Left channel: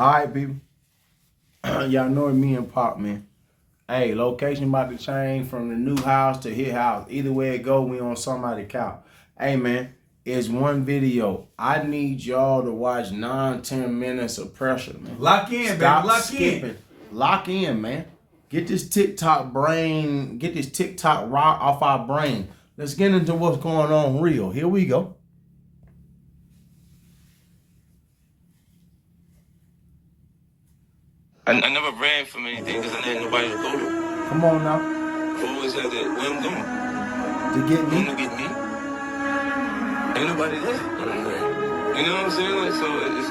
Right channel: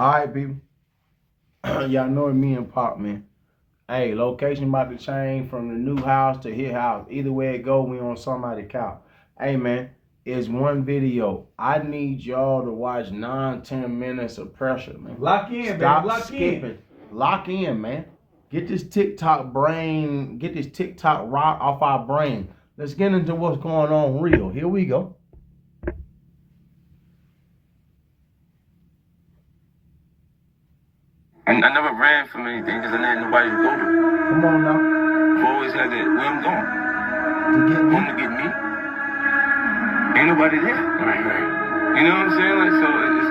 All right, people. Y'all know it, me and Pop, man. Hey, location about to change from the new house to his house. Either way it go, we on somebody's couch. Hey, man, it's one video. I need y'all to watch 9-10 minutes of pressure, man. Lock in, Stop baby. Lock skipping. in. Lock in, man. Get this TikTok brain, get this TikTok rock off our brain. Let's get into what's going on real. Here we go. I never ran from anything because I didn't have nobody to go to. Come on now. I always had that, where I'm going. To get Going me. to get me. Ain't nobody there. Right. You know what I'm saying? Like, so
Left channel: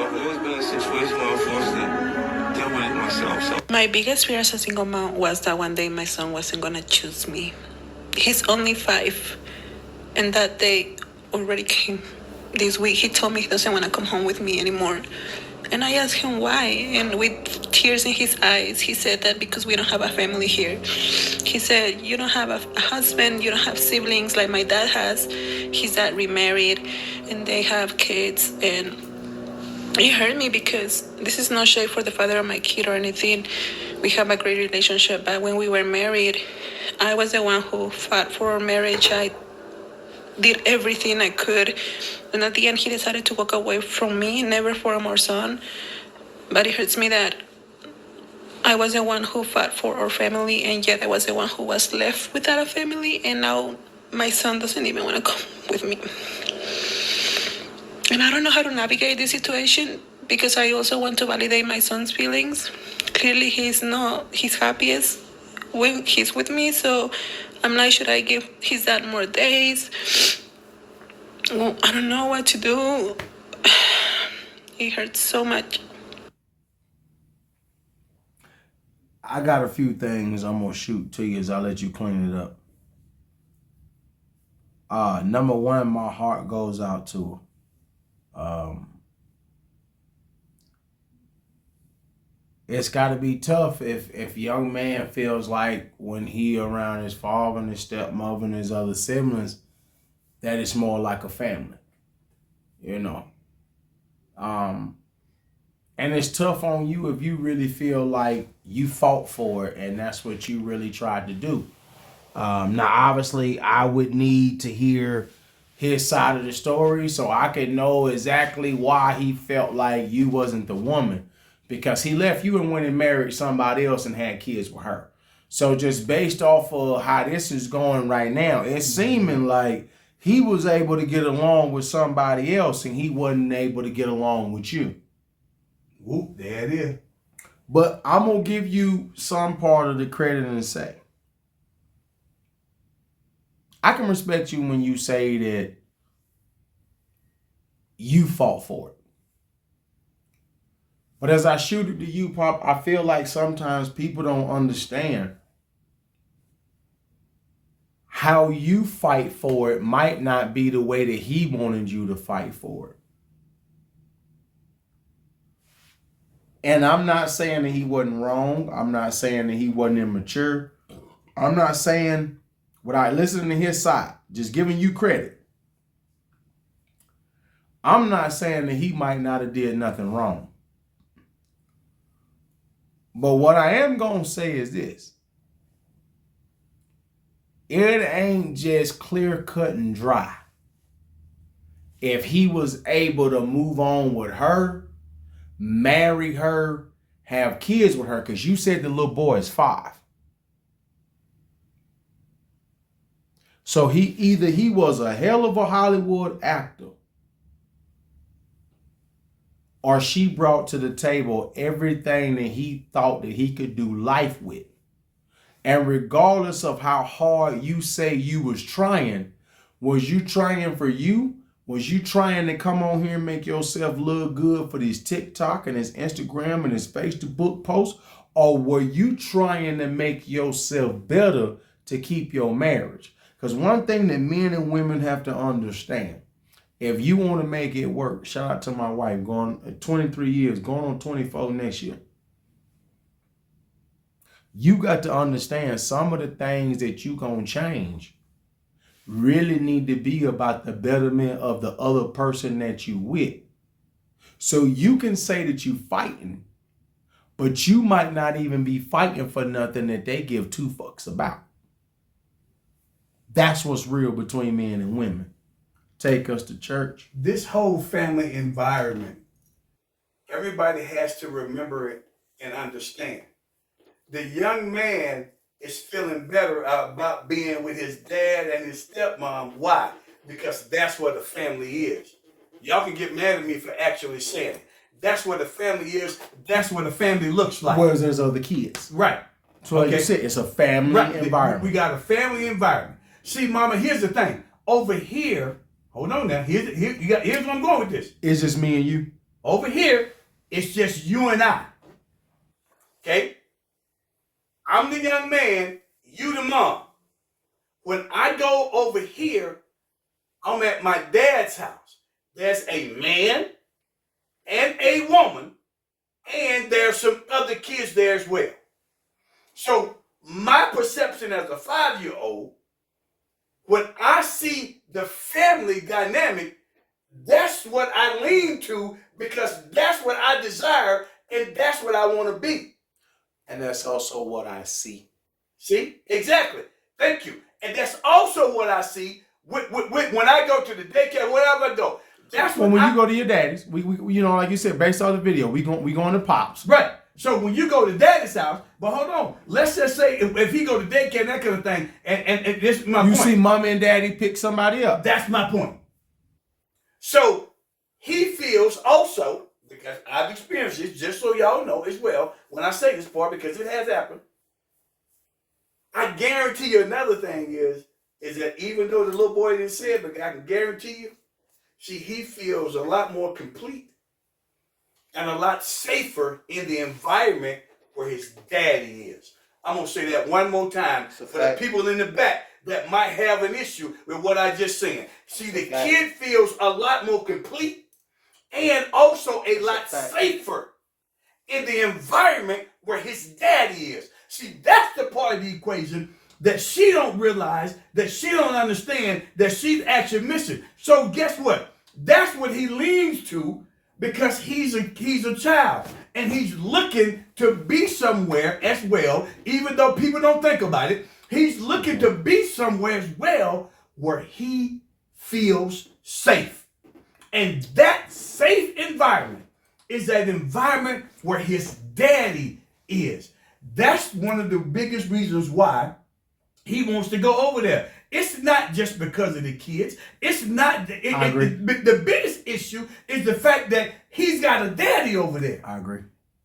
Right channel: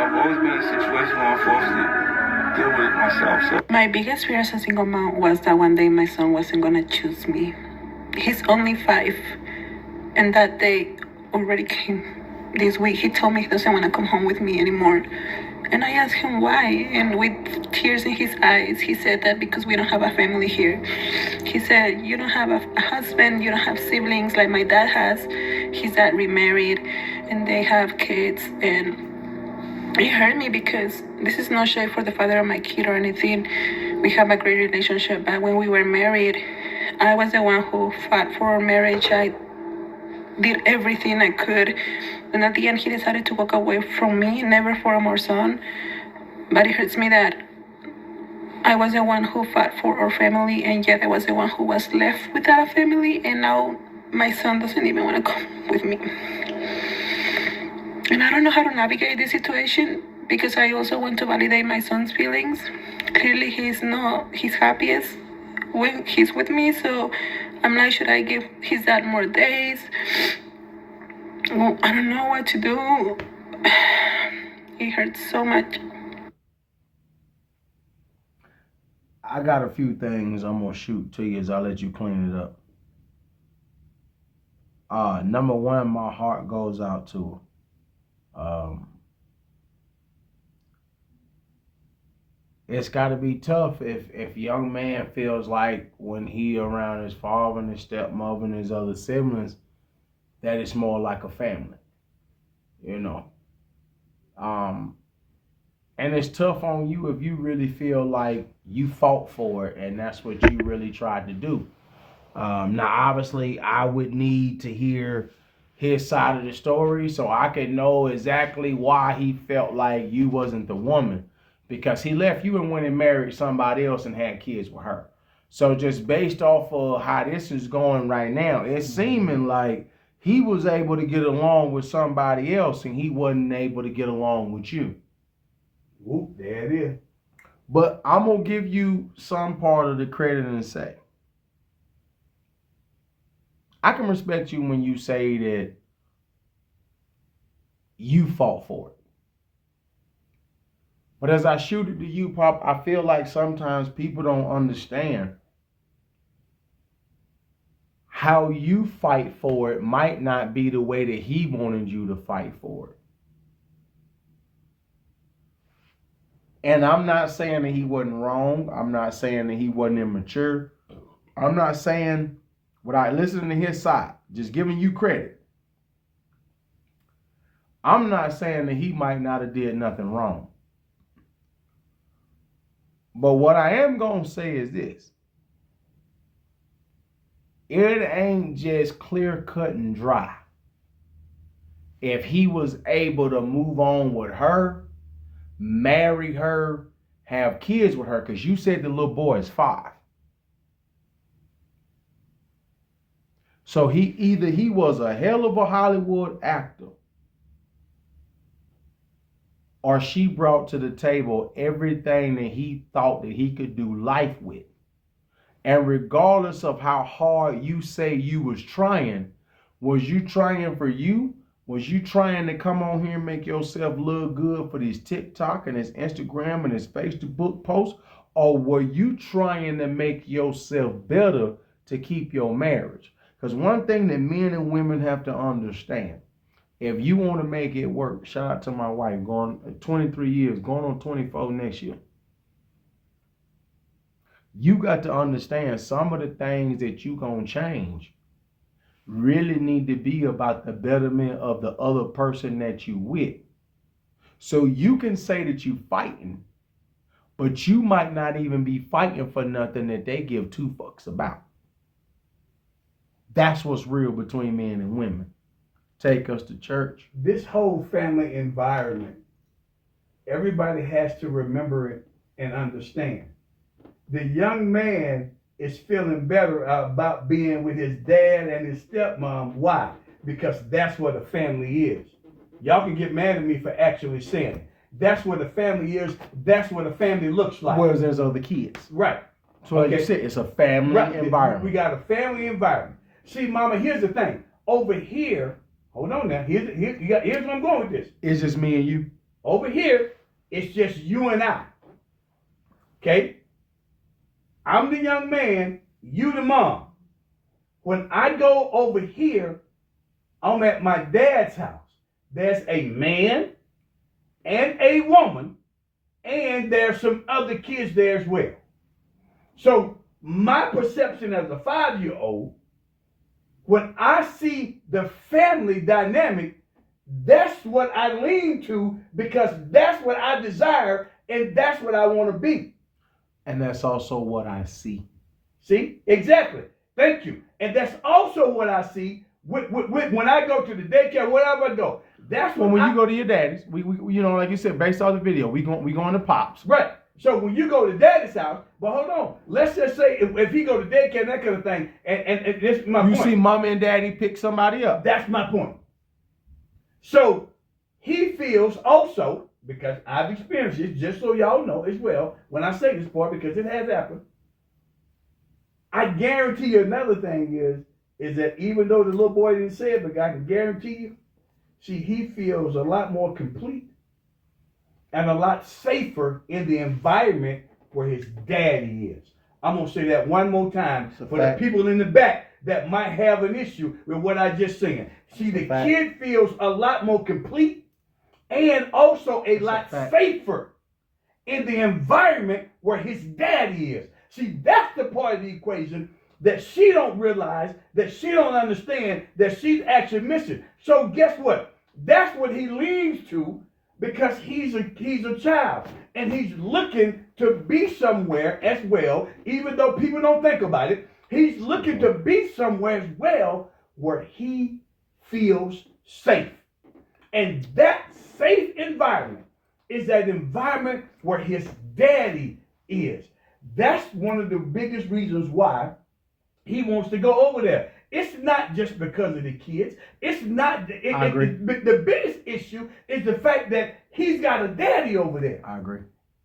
I've always been in a situation where I'm forced to deal with it myself. So my biggest fear as a single mom was that one day my son wasn't gonna choose me. He's only 5, and that day already came. This week he told me he doesn't want to come home with me anymore. And I asked him why, and with tears in his eyes, he said that because we don't have a family here. He said, you don't have a husband, you don't have siblings like my dad has. His dad remarried, and they have kids, and it hurt me because this is no shade for the father of my kid or anything. We have a great relationship, but when we were married, I was the one who fought for our marriage. I did everything I could, and at the end, he decided to walk away from me, never from our son. But it hurts me that I was the one who fought for our family, and yet I was the one who was left without a family, and now my son doesn't even want to come with me. And I don't know how to navigate this situation because I also want to validate my son's feelings. Clearly, he's not his happiest when he's with me, so I'm like, should I give his dad more days? Well, I don't know what to do. It hurts so much. I got a few things I'm gonna shoot to you as I let you clean it up. Number one, my heart goes out to her. It's got to be tough if young man feels like when he around his father and his stepmother and his other siblings that it's more like a family, you know. And it's tough on you if you really feel like you fought for it and that's what you really tried to do. Now, obviously, I would need to hear his side of the story so I could know exactly why he felt like you wasn't the woman, because he left you and went and married somebody else and had kids with her. So just based off of how this is going right now, it's seeming like he was able to get along with somebody else and he wasn't able to get along with you. Whoop, there it is. But I'm going to give you some part of the credit and say, I can respect you when you say that you fought for it. But as I shoot it to you, Pop, I feel like sometimes people don't understand how you fight for it might not be the way that he wanted you to fight for it. And I'm not saying that he wasn't wrong. I'm not saying that he wasn't immature. I'm not saying without listening to his side, just giving you credit. I'm not saying that he might not have did nothing wrong. But what I am going to say is this. It ain't just clear cut and dry. If he was able to move on with her, marry her, have kids with her, because you said the little boy is 5. So he was a hell of a Hollywood actor, or she brought to the table everything that he thought that he could do life with. And regardless of how hard you say you was you trying for you? Was you trying to come on here and make yourself look good for this TikTok and his Instagram and his Facebook posts? Or were you trying to make yourself better to keep your marriage? Because one thing that men and women have to understand, if you want to make it work, shout out to my wife, going 23 years, going on 24 next year. You got to understand some of the things that you gonna change really need to be about the betterment of the other person that you with. So you can say that you fighting, But you might not even be fighting for nothing that they give two fucks about. That's what's real between men and women. Take us to church. This whole family environment, everybody has to remember it and understand. The young man is feeling better about being with his dad and his stepmom. Why? Because that's what a family is. Y'all can get mad at me for actually saying it. That's what a family is. That's what a family looks like. Whereas there's other kids. Right. So like you said, it's a family environment. We got a family environment. See, Mama, here's the thing. Over here, hold on now. Here's where I'm going with this. It's just me and you. Over here, it's just you and I. Okay? I'm the young man, you the mom. When I go over here, I'm at my dad's house. There's a man and a woman, and there's some other kids there as well. So my perception as a 5-year-old, when I see the family dynamic, that's what I lean to because that's what I desire and that's what I want to be. And that's also what I see. See? Exactly. Thank you. And that's also what I see when I go to the daycare, wherever I go. That's when you go to your daddy's, we you know, like you said, based on the video, we going to Pops. Right. So when you go to daddy's house, but hold on, let's just say if he go to daycare and that kind of thing, and this is my point. You see mom and daddy pick somebody up. That's my point. So he feels also, because I've experienced this, just so y'all know as well, when I say this part, because it has happened, I guarantee you another thing is that even though the little boy didn't say it, but I can guarantee you, see, he feels a lot more complete and a lot safer in the environment where his daddy is. I'm going to say that one more time for the people in the back that might have an issue with what I just said. See, the kid feels a lot more complete and also a lot safer in the environment where his daddy is. See, that's the part of the equation that she don't realize, that she don't understand, that she's actually missing. So guess what? That's what he leans to because he's a child and he's looking to be somewhere as well, even though people don't think about it. He's looking to be somewhere as well where he feels safe. And that safe environment is that environment where his daddy is. That's one of the biggest reasons why he wants to go over there. It's not just because of the kids. It's not. I agree. The biggest issue is the fact that he's got a daddy over there. I agree.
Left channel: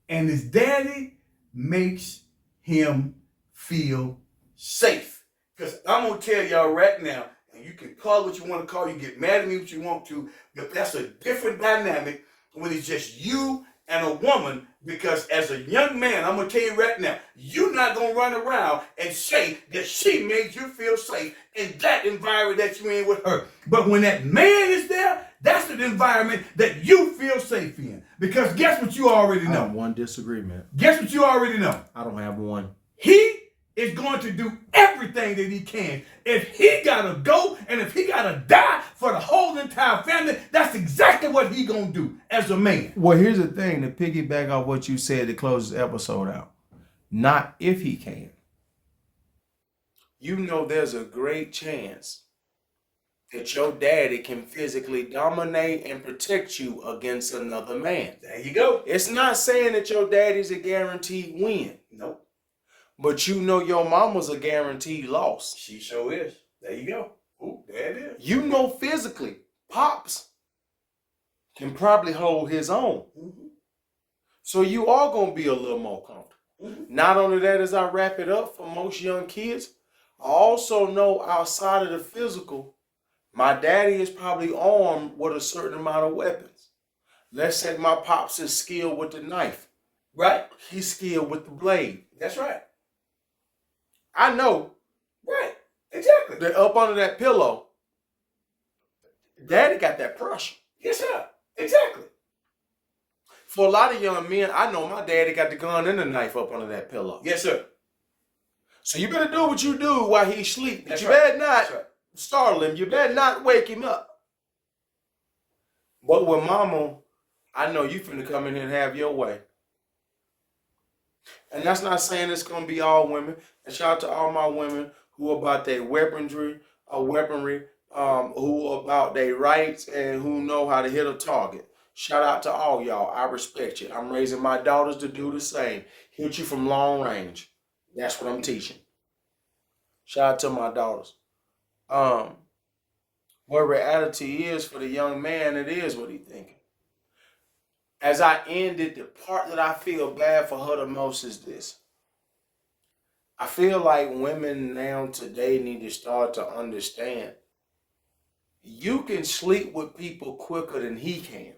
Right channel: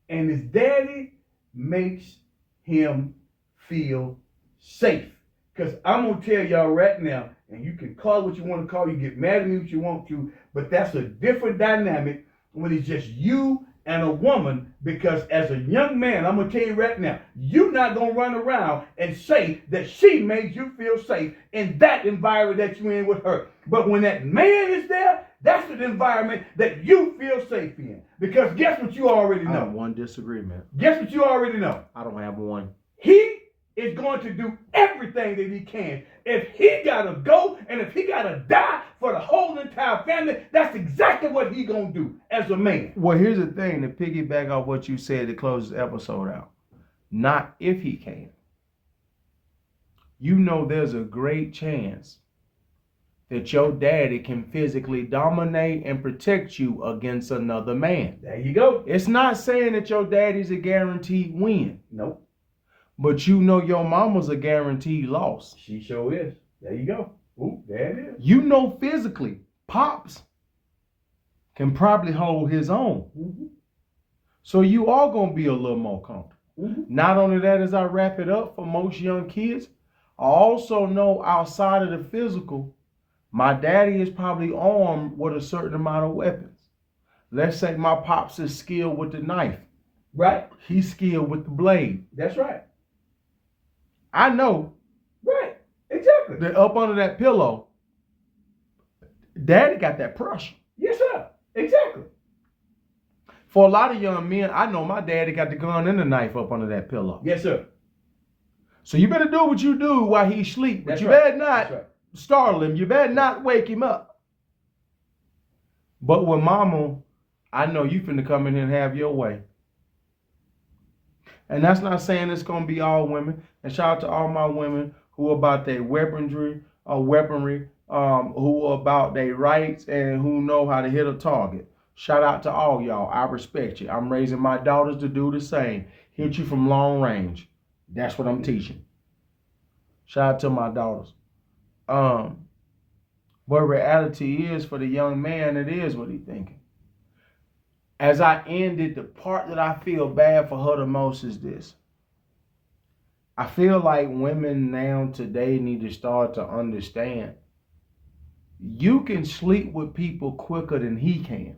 And his daddy makes him feel safe. Because I'm going to tell y'all right now, and you can call it what you want to call, you get mad at me what you want to, but that's a different dynamic when it's just you and a woman, because as a young man, I'm going to tell you right now, you're not going to run around and say that she made you feel safe in that environment that you're in with her. But when that man is there, that's the environment that you feel safe in. Because guess what you already know? I have one disagreement. Guess what you already know? I don't have one. He is going to do everything that he can. If he gotta go and if he gotta die for the whole entire family, that's exactly what he gonna do as a man. Well, here's the thing, to piggyback off what you said to close this episode out. Not if he can. You know there's a great chance that your daddy can physically dominate and protect you against another man. There you go. It's not saying that your daddy's a guaranteed win. Nope. But you know your mama's a guaranteed loss. She sure is. There you go. Ooh, there it is. You know physically, Pops can probably hold his own. Mm-hmm. So you are going to be a little more comfortable. Mm-hmm. Not only that, as I wrap it up for most young kids, I also know outside of the physical, my daddy is probably armed with a certain amount of weapons. Let's say my Pops is skilled with the knife. Right. He's skilled with the blade. That's right. I know. Right. Exactly. That up under that pillow, daddy got that pressure. Yes, sir. Exactly. For a lot of young men, I know my daddy got the gun and the knife up under that pillow. Yes, sir. So you better do what you do while he sleep. But That's you right. better not startle him. You better not wake him up. But with mama, I know you finna come in here and have your way. And that's not saying it's gonna be all women. And shout out to all my women who are about their weaponry, who are about their rights and who know how to hit a target. Shout out to all y'all. I respect you. I'm raising my daughters to do the same. Hit you from long range. That's what I'm teaching. Shout out to my daughters. But reality is, for the young man, it is what he thinking. As I ended, the part that I feel bad for her the most is this. I feel like women now today need to start to understand you can sleep with people quicker than he can.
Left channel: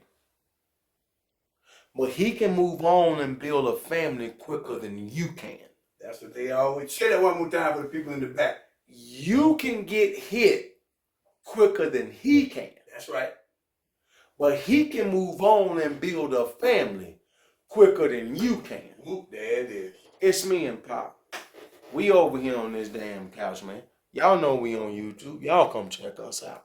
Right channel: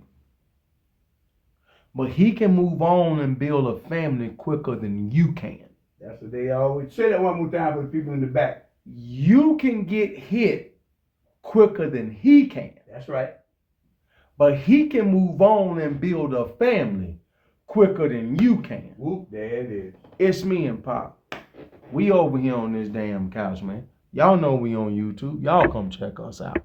But he can move on and build a family quicker than you can. That's what they always say. That one more time for the people in the back. You can get hit quicker than he can. That's right. But he can move on and build a family quicker than you can. Whoop, there it is. It's me and Pop. We over here on this damn couch, man. Y'all know we on YouTube. Y'all come check us out.